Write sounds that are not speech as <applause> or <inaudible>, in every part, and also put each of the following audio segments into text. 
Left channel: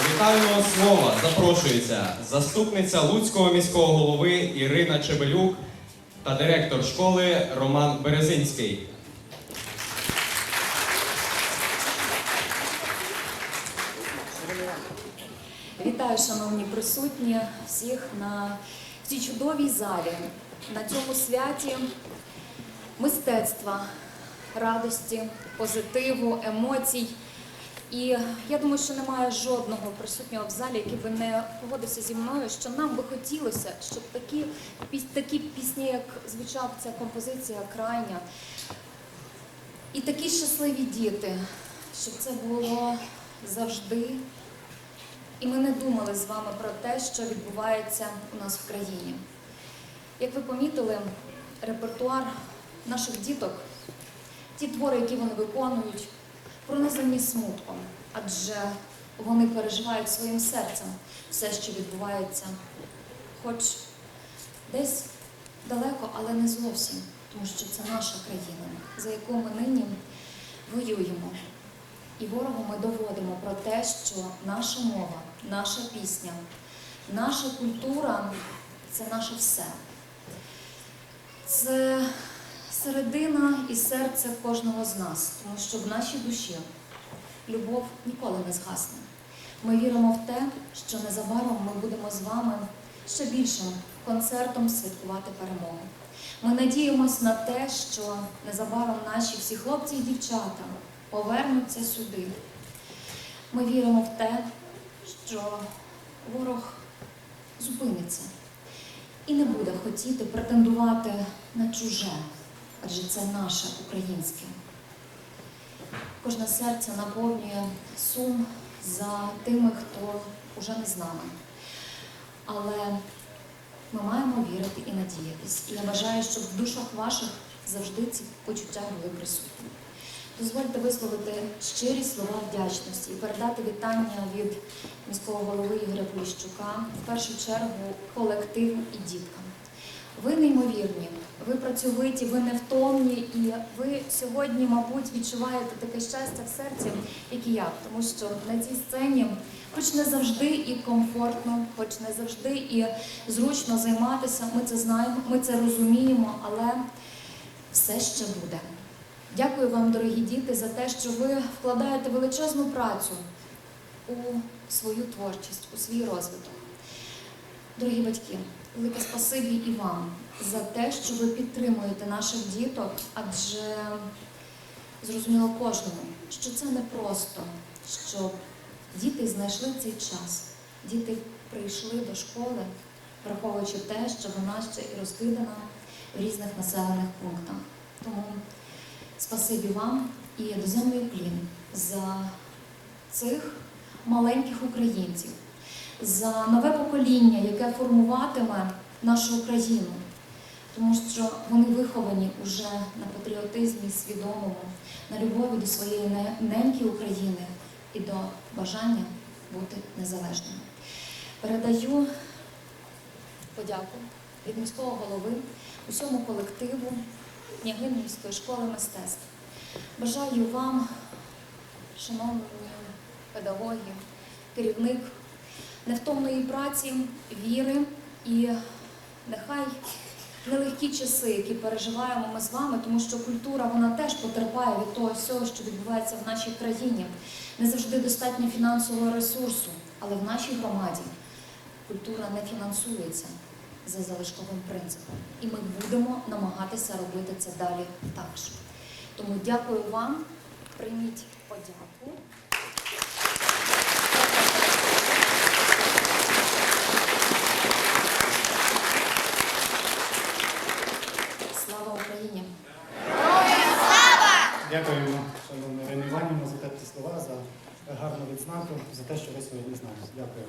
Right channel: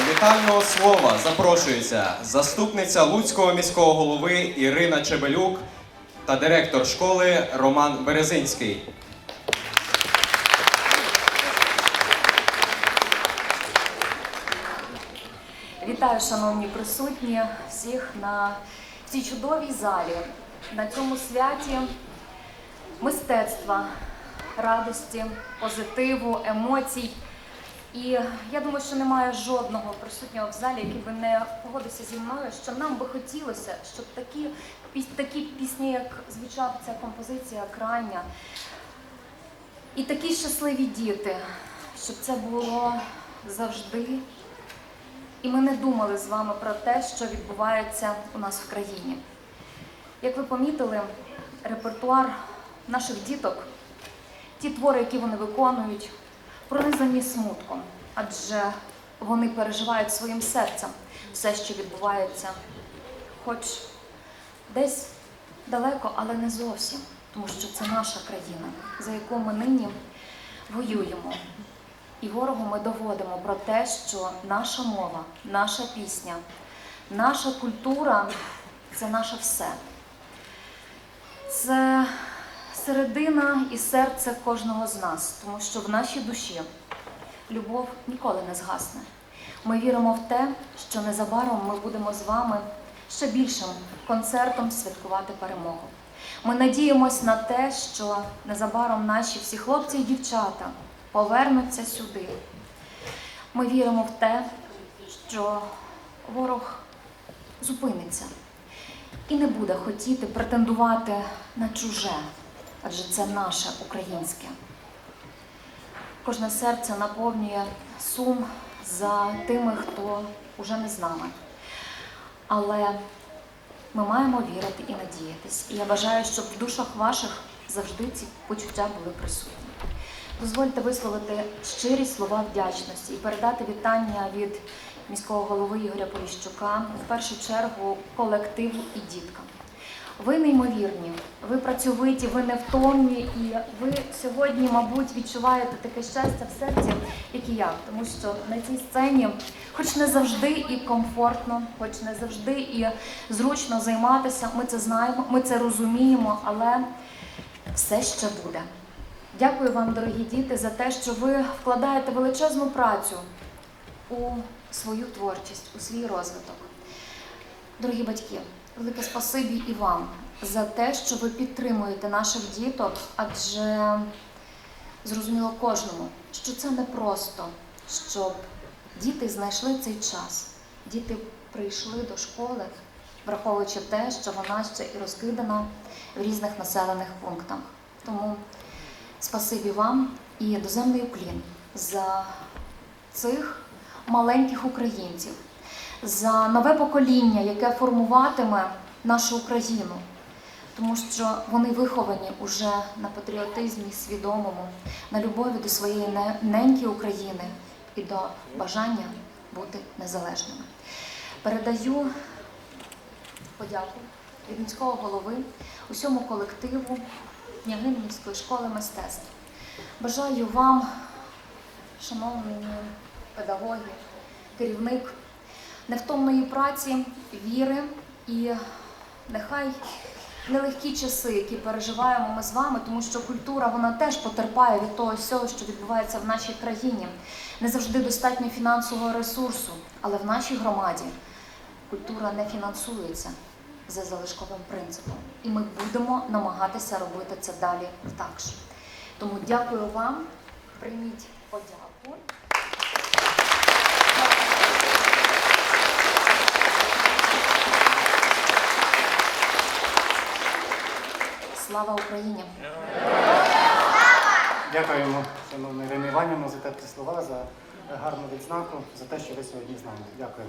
До вітального слова запрошується заступниця Луцького міського голови Ірина Чебелюк та директор школи Роман Березинський. Вітаю, шановні присутні, всіх на цій чудовій залі, на цьому святі мистецтва, радості, позитиву, емоцій. І я думаю, що немає жодного присутнього в залі, який би не погодився зі мною, що нам би хотілося, щоб такі, такі пісні, як звучав ця композиція крайня, і такі щасливі діти, щоб це було завжди. І ми не думали з вами про те, що відбувається у нас в країні. Як ви помітили, репертуар наших діток, ті твори, які вони виконують, пронизані смутком, адже вони переживають своїм серцем все, що відбувається, хоч десь далеко, але не зовсім, тому що це наша країна, за яку ми нині воюємо. І ворогу ми доводимо про те, що наша мова, наша пісня, наша культура це наше все. Це середина і серце кожного з нас, тому що в нашій душі любов ніколи не згасне. Ми віримо в те, що незабаром ми будемо з вами ще більшим концертом святкувати перемогу. Ми надіємось на те, що незабаром наші всі хлопці і дівчата повернуться сюди. Ми віримо в те, що ворог зупиниться і не буде хотіти претендувати на чуже, адже це наше українське. Кожне серце наповнює сум за тими, хто уже не з нами. Але ми маємо вірити і надіятись. І я бажаю, щоб в душах ваших завжди ці почуття були присутні. Дозвольте висловити щирі слова вдячності і передати вітання від міського голови Ігоря Поліщука, в першу чергу колективу і діткам. Ви неймовірні, ви працьовиті, ви невтомні, і ви сьогодні, мабуть, відчуваєте таке щастя в серці, як і я, тому що на цій сцені, хоч не завжди і комфортно, хоч не завжди і зручно займатися, ми це знаємо, ми це розуміємо, але все ще буде. Дякую вам, дорогі діти, за те, що ви вкладаєте величезну працю у свою творчість, у свій розвиток. Дорогі батьки, велике спасибі і вам за те, що ви підтримуєте наших діток, адже зрозуміло кожному, що це не просто, щоб діти знайшли цей час. Діти прийшли до школи, враховуючи те, що вона ще і розкидана в різних населених пунктах. Тому Спасибі вам і доземний уклін за цих маленьких українців, за нове покоління, яке формуватиме нашу Україну, тому що вони виховані уже на патріотизмі свідомому, на любові до своєї не- неньки України і до бажання бути незалежними. Передаю подяку від міського голови, усьому колективу. княгиню школи мистецтв. Бажаю вам, шановні педагоги, керівник, невтомної праці, віри і нехай нелегкі часи, які переживаємо ми з вами, тому що культура вона теж потерпає від того всього, що відбувається в нашій країні. Не завжди достатньо фінансового ресурсу, але в нашій громаді культура не фінансується за залишковим принципом. І ми будемо намагатися робити це далі так. Тому дякую вам, прийміть подяку. Слава Україні! Дякуємо, шановна Ірина Іванівна, за теплі слова, за гарну відзнаку, за те, що ви сьогодні з нами. Дякую.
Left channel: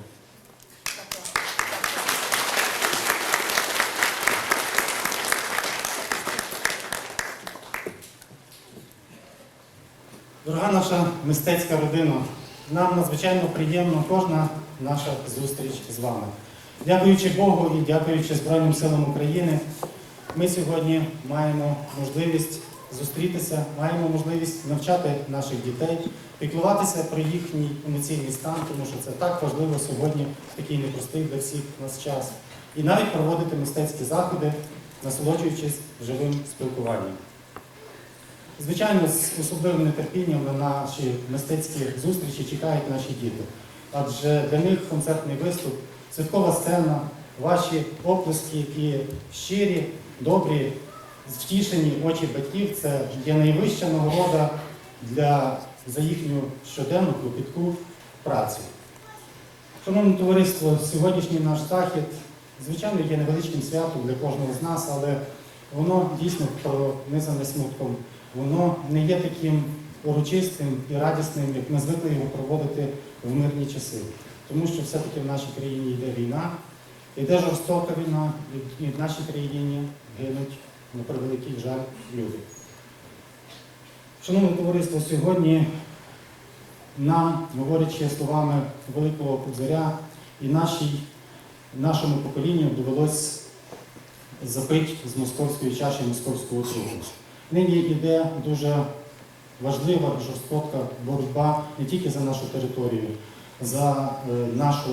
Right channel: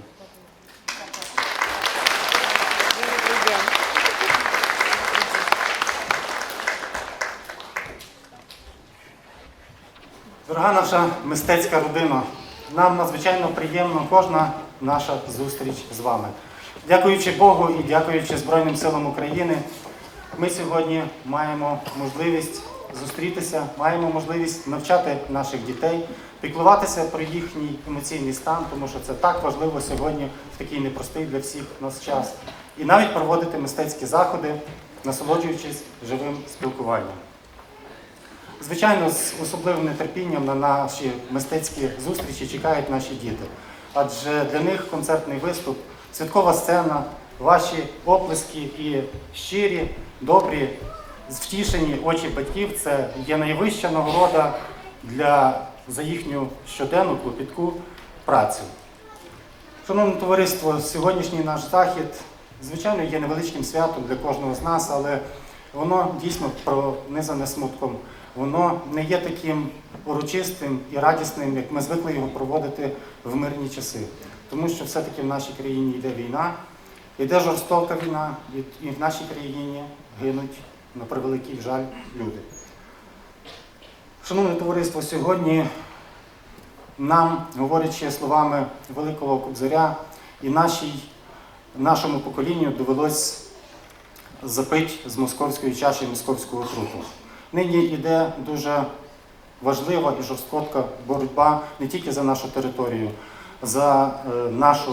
Дорога наша мистецька родина, нам надзвичайно приємна кожна наша зустріч з вами. Дякуючи Богу і дякуючи Збройним силам України, ми сьогодні маємо можливість зустрітися, маємо можливість навчати наших дітей, піклуватися про їхній емоційний стан, тому що це так важливо сьогодні, такий непростий для всіх нас час. І навіть проводити мистецькі заходи, насолоджуючись живим спілкуванням. Звичайно, з особливим нетерпінням на наші мистецькі зустрічі чекають наші діти. Адже для них концертний виступ, святкова сцена, ваші оплески і щирі, добрі, втішені очі батьків це є найвища нагорода для, за їхню щоденну клопітку працю. Шановне товариство, сьогоднішній наш захід, звичайно, є невеличким святом для кожного з нас, але воно дійсно пронизане смутком. Воно не є таким урочистим і радісним, як ми звикли його проводити в мирні часи. Тому що все-таки в нашій країні йде війна, йде жорстока війна, і в нашій країні гинуть, на превеликий жаль, люди. Шановне товариство, сьогодні нам, говорячи словами Великого Кобзаря, і нашій, нашому поколінню довелось запити з московської чаші московського суду. Нині йде дуже важлива і жорстка боротьба не тільки за нашу територію, за е, нашу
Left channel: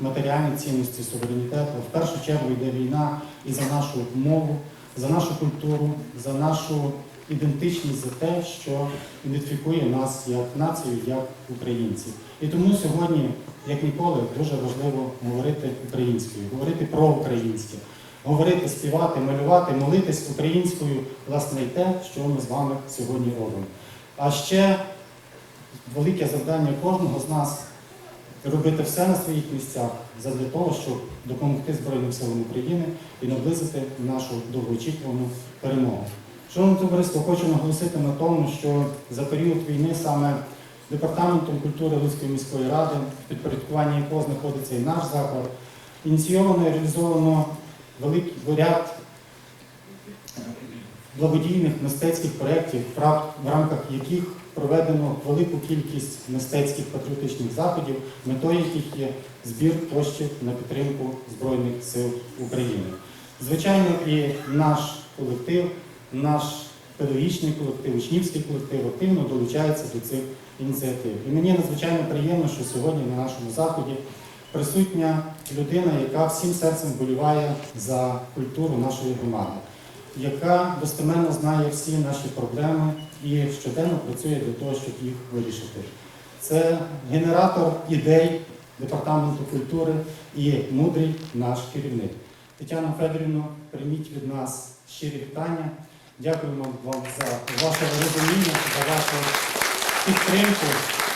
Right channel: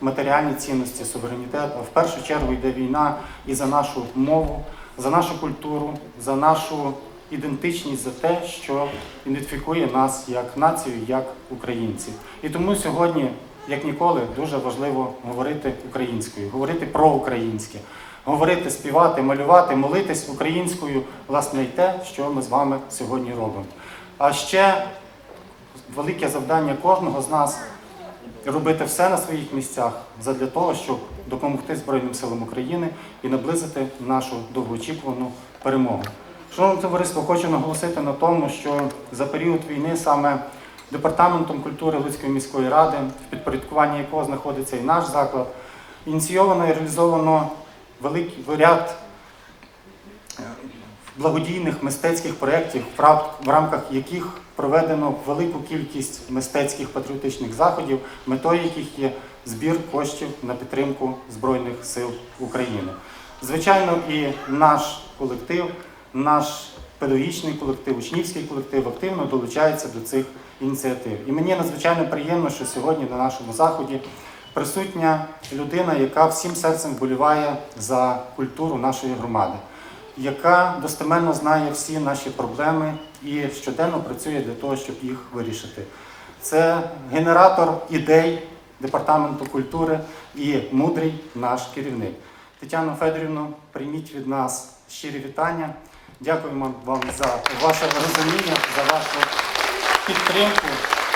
матеріальні цінності, суверенітет, а в першу чергу йде війна і за нашу мову, за нашу культуру, за нашу ідентичність, за те, що ідентифікує нас як націю, як українців. І тому сьогодні, як ніколи, дуже важливо говорити українською, говорити про українське, говорити, співати, малювати, молитись українською, власне, і те, що ми з вами сьогодні робимо. А ще велике завдання кожного з нас робити все на своїх місцях задля того, щоб допомогти Збройним силам України і наблизити нашу довгоочікувану перемогу. Шановне товариство, хочу наголосити на тому, що за період війни саме Департаментом культури Луцької міської ради, в підпорядкуванні якого знаходиться і наш заклад, ініційовано і реалізовано великий ряд благодійних мистецьких проєктів, в рамках яких проведено велику кількість мистецьких патріотичних заходів, метою яких є збір коштів на підтримку Збройних сил України. Звичайно, і наш колектив, наш педагогічний колектив, учнівський колектив активно долучається до цих ініціатив. І мені надзвичайно приємно, що сьогодні на нашому заході присутня людина, яка всім серцем вболіває за культуру нашої громади, яка достеменно знає всі наші проблеми і щоденно працює для того, щоб їх вирішити. Це генератор ідей Департаменту культури і мудрий наш керівник. Тетяно Федорівно, прийміть від нас щирі вітання. Дякуємо вам за ваше розуміння, за вашу підтримку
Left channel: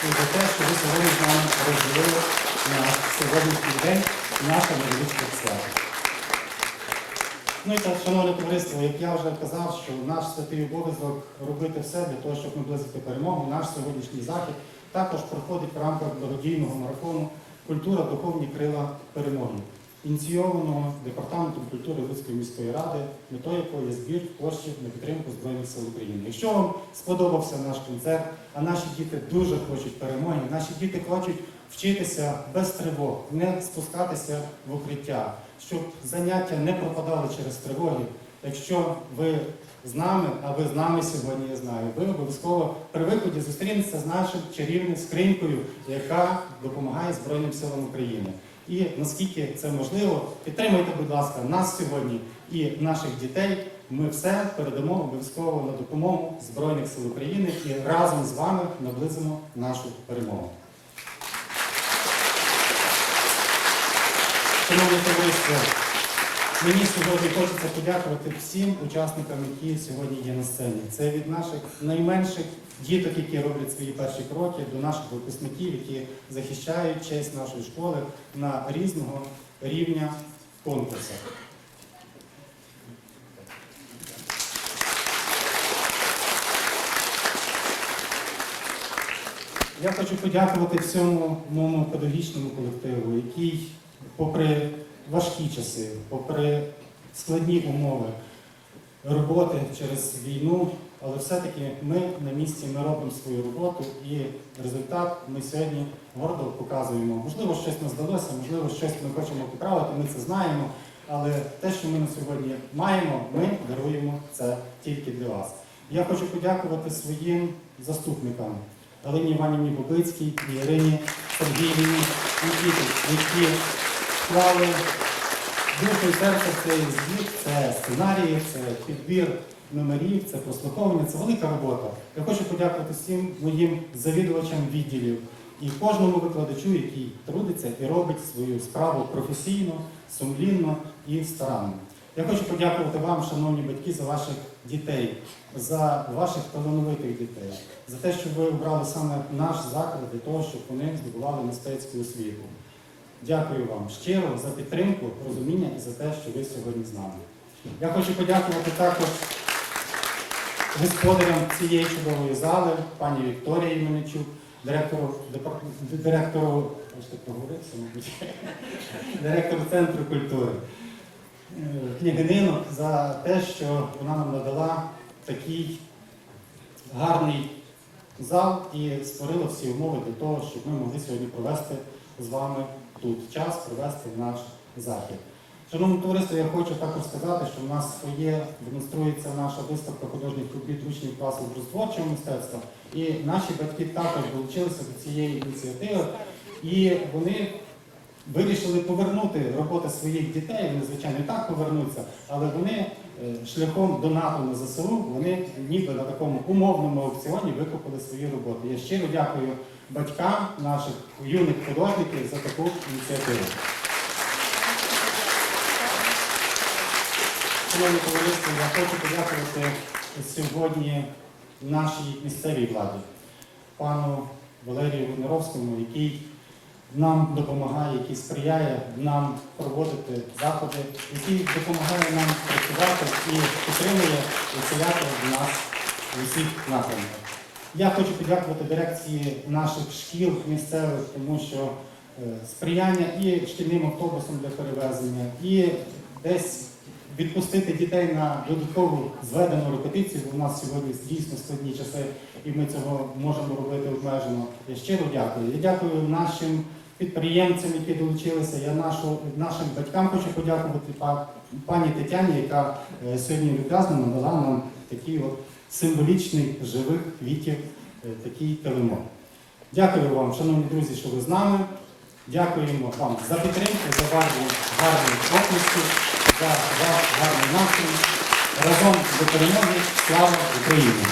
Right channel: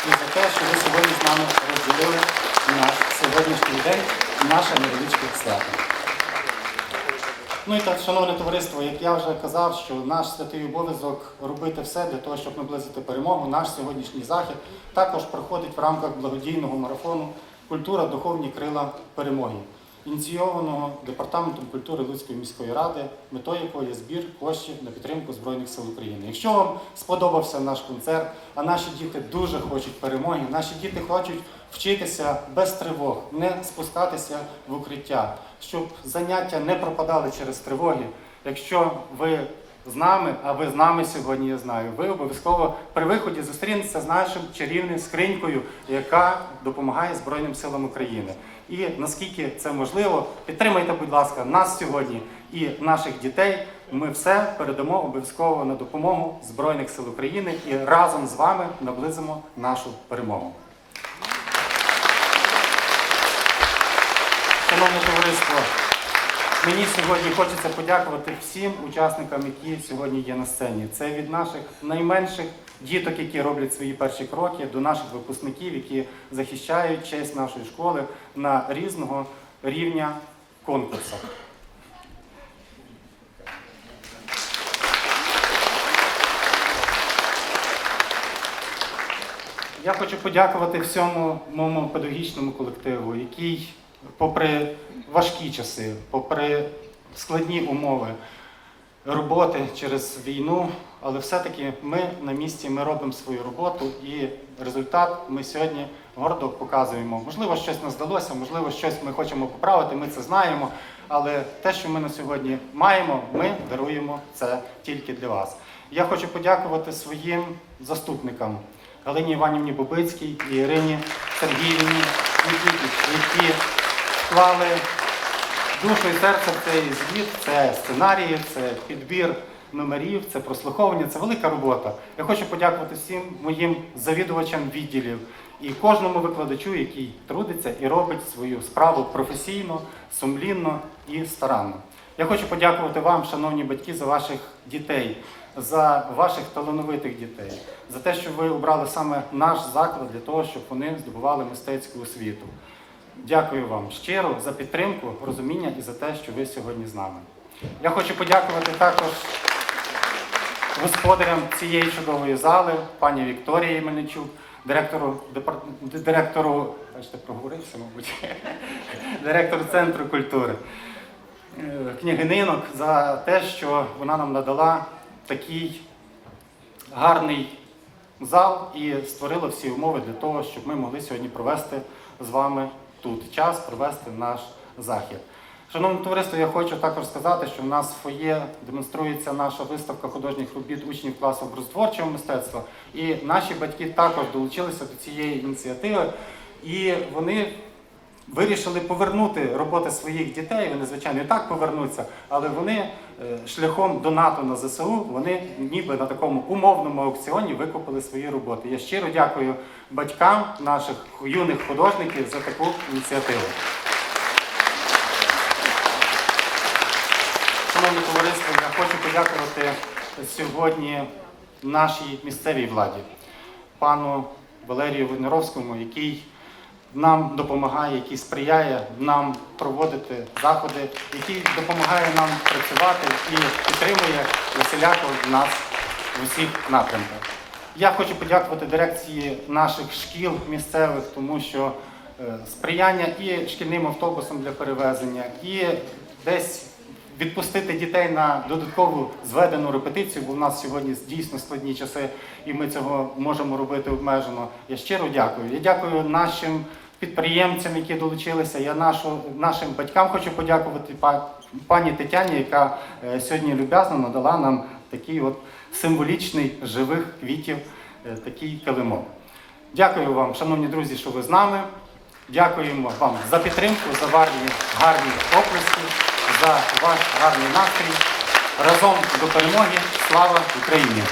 і за те, що ви сьогодні з нами розділили наш сьогоднішній день, наше невеличке свято. Ну і так, шановне товариство, як я вже казав, що наш святий обов'язок робити все для того, щоб наблизити перемогу. Наш сьогоднішній захід також проходить в рамках благодійного марафону Культура духовні крила перемоги, ініційованого Департаментом культури Луцької міської ради, метою якого є збір коштів на підтримку Збройних сил України. Якщо вам сподобався наш концерт, а наші діти дуже хочуть перемоги, наші діти хочуть вчитися без тривог, не спускатися в укриття, щоб заняття не пропадали через тривоги. Якщо ви з нами, а ви з нами сьогодні, я знаю, ви обов'язково при виході зустрінетеся з нашим чарівним скринькою, яка допомагає Збройним силам України. І наскільки це можливо, підтримайте, будь ласка, нас сьогодні і наших дітей. Ми все передамо обов'язково на допомогу Збройних сил України і разом з вами наблизимо нашу перемогу. Шановне товариство, мені сьогодні хочеться подякувати всім учасникам, які сьогодні є на сцені. Це від наших найменших діток, які роблять свої перші кроки, до наших випускників, які захищають честь нашої школи на різного рівня конкурсах. Я хочу подякувати всьому моєму педагогічному колективу, який, попри важкі часи, попри складні умови роботи через війну, але все-таки ми на місці, ми робимо свою роботу і результат ми сьогодні гордо показуємо. Можливо, щось нас вдалося, можливо, щось ми хочемо поправити, ми це знаємо. Але те, що ми на сьогодні маємо, ми даруємо це тільки для вас. Я хочу подякувати своїм заступникам, Галині Іванівні Бобицькій і Ірині Сергіївні які вклали душу і серце цей звіт, це сценарії, це підбір номерів, це прослуховування, це велика робота. Я хочу подякувати всім моїм завідувачам відділів і кожному викладачу, який трудиться і робить свою справу професійно, сумлінно і старанно. Я хочу подякувати вам, шановні батьки, за ваших дітей, за ваших талановитих дітей, за те, що ви обрали саме наш заклад для того, щоб вони здобували мистецьку освіту. Дякую вам щиро за підтримку, розуміння і за те, що ви сьогодні з нами. Я хочу подякувати також господарям цієї чудової зали, пані Вікторії Мельничук, директору, депар- директору, бачите, проговорився, мабуть, <laughs> директору Центру культури, е, княгининок за те, що вона нам надала такий гарний зал і створила всі умови для того, щоб ми могли сьогодні провести з вами тут час, провести наш захід. Шановне товариство, я хочу також сказати, що в нас в фоє демонструється наша виставка художніх робіт учнів класу образотворчого мистецтва. І наші батьки також долучилися до цієї ініціативи. І вони вирішили повернути роботи своїх дітей. Вони, звичайно, і так повернуться, але вони шляхом донату на ЗСУ вони ніби на такому умовному аукціоні викупили свої роботи. Я щиро дякую батькам наших юних художників за таку ініціативу. Шановне товариство, я хочу подякувати сьогодні нашій місцевій владі, пану Валерію Войнаровському, який нам допомагає, який сприяє нам проводити заходи, який допомагає нам працювати і підтримує усіляко нас в усіх напрямках. Я хочу подякувати дирекції наших шкіл місцевих, тому що е, сприяння і шкільним автобусом для перевезення, і десь відпустити дітей на додаткову зведену репетицію, бо в нас сьогодні дійсно складні часи, і ми цього можемо робити обмежено. Я щиро дякую. Я дякую нашим підприємцям, які долучилися. Я нашу, нашим батькам хочу подякувати пані Тетяні, яка е, сьогодні люб'язно надала нам такий от символічний живих квітів, е, такий килимок. Дякую вам, шановні друзі, що ви з нами. Дякуємо вам за підтримку, за ваші гарні оплески, за ваш гарний настрій. Разом до перемоги. Слава Україні!